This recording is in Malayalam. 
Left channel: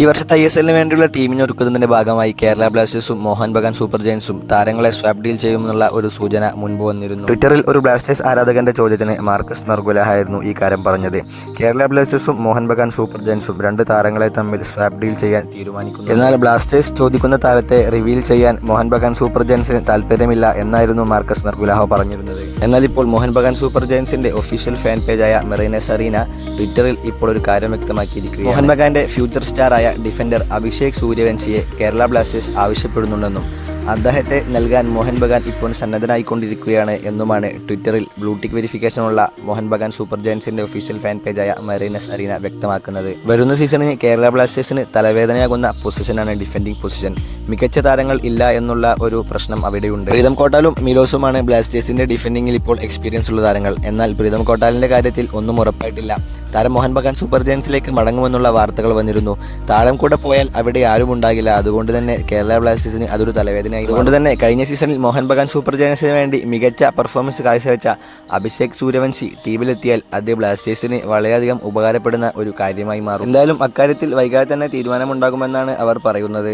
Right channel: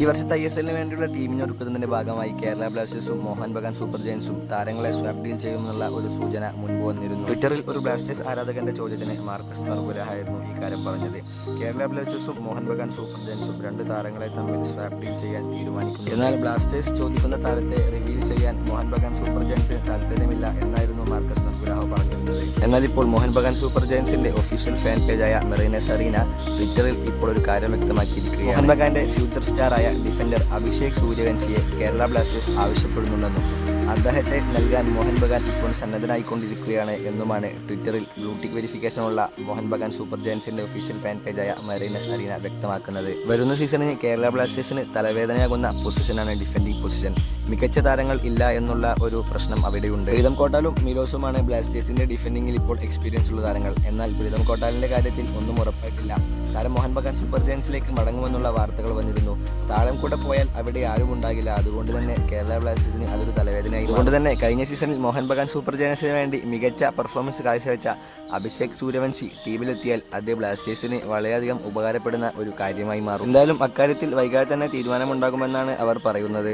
ഈ വർഷത്തെ ഐ എസ് എല്ലിന് വേണ്ടിയുള്ള ടീമിനെ ഒരുക്കുന്നതിന്റെ ഭാഗമായി കേരള ബ്ലാസ്റ്റേഴ്സും മോഹൻ ബഗാൻ സൂപ്പർ ജയൻസും താരങ്ങളെ സ്വാപ്പ് ഡീൽ ചെയ്യുമെന്നുള്ള ഒരു സൂചന മുൻപ് വന്നിരുന്നു. ട്വിറ്ററിൽ ഒരു ബ്ലാസ്റ്റേഴ്സ് ആരാധകന്റെ ചോദ്യത്തിന് മാർക്കസ് മെർഗുലഹ ആയിരുന്നു ഈ കാര്യം പറഞ്ഞത്. കേരള ബ്ലാസ്റ്റേഴ്സും മോഹൻ ബഗാൻ സൂപ്പർ ജയൻസും രണ്ട് താരങ്ങളെ തമ്മിൽ സ്വാപ്പ് ഡീൽ ചെയ്യാൻ തീരുമാനിക്കുന്നു. എന്നാൽ ബ്ലാസ്റ്റേഴ്സ് ചോദിക്കുന്ന താരത്തെ റിവീൽ ചെയ്യാൻ മോഹൻ ബഗാൻ സൂപ്പർ ജയൻസിന് താല്പര്യമില്ല എന്നായിരുന്നു മാർക്കസ് മെർഗുലഹ പറഞ്ഞിരുന്നത്. എന്നാൽ ഇപ്പോൾ മോഹൻ ബഗാൻ സൂപ്പർ ജയൻസിന്റെ ഒഫീഷ്യൽ ഫാൻ പേജായ മെറീനസ് അറീന ട്വിറ്ററിൽ ഇപ്പോൾ ഒരു കാര്യം വ്യക്തമാക്കിയിരിക്കുന്നു മോഹൻ ബഗാന്റെ ഫ്യൂച്ചർ സ്റ്റാറായ ഡിഫൻഡർ അഭിഷേക് സൂര്യവംശിയെ കേരള ബ്ലാസ്റ്റേഴ്സ് ആവശ്യപ്പെടുന്നുണ്ടെന്നും അദ്ദേഹത്തെ നൽകാൻ മോഹൻ ബഗാൻ ഇപ്പോൾ സന്നദ്ധനായിക്കൊണ്ടിരിക്കുകയാണ് എന്നുമാണ് ട്വിറ്ററിൽ ബ്ലൂടിക് വെരിഫിക്കേഷനുള്ള മോഹൻ ബഗാൻ സൂപ്പർ ജയൻസിന്റെ ഒഫീഷ്യൽ ഫാൻ പേജായ മറീനസ് അറീന വ്യക്തമാക്കുന്നത്. വരുന്ന സീസണിന് കേരള ബ്ലാസ്റ്റേഴ്സിന് തലവേദനയാകുന്ന പൊസിഷനാണ് ഡിഫൻഡിംഗ് പൊസിഷൻ. മികച്ച താരങ്ങൾ ഇല്ല എന്നുള്ള ഒരു പ്രശ്നം അവിടെയുണ്ട്. പ്രീതം കോട്ടാലും മിലോസുമാണ് ബ്ലാസ്റ്റേഴ്സിന്റെ ഡിഫൻഡിംഗിൽ ഇപ്പോൾ എക്സ്പീരിയൻസ് ഉള്ള താരങ്ങൾ. എന്നാൽ പ്രീതം കോട്ടാലിന്റെ കാര്യത്തിൽ ഒന്നും ഉറപ്പായിട്ടില്ല. താരം മോഹൻ ബഗാൻ സൂപ്പർ ജയൻസിലേക്ക് മടങ്ങുമെന്നുള്ള വാർത്തകൾ വന്നിരുന്നു. താരം കൂടെ പോയാൽ അവിടെ ആരും ഉണ്ടാകില്ല. അതുകൊണ്ട് തന്നെ കേരള ബ്ലാസ്റ്റേഴ്സിന് അതൊരു തലവേദനയായി അതുകൊണ്ട് തന്നെ കഴിഞ്ഞ സീസണിൽ മോഹൻ ബഗാൻ സൂപ്പർ ജയൻസിന് വേണ്ടി മികച്ച പെർഫോമൻസ് കാഴ്ചവെച്ച അഭിഷേക് സൂര്യവംശി ടീമിലെത്തിയാൽ അത് ബ്ലാസ്റ്റേഴ്സിന് വളരെയധികം ഉപകാരപ്പെടുന്ന ഒരു കാര്യമായി മാറും. എന്തായാലും അക്കാര്യത്തിൽ വൈകാതെ തന്നെ തീരുമാനമുണ്ടാകുമെന്നാണ് അവർ പറയുന്നത്.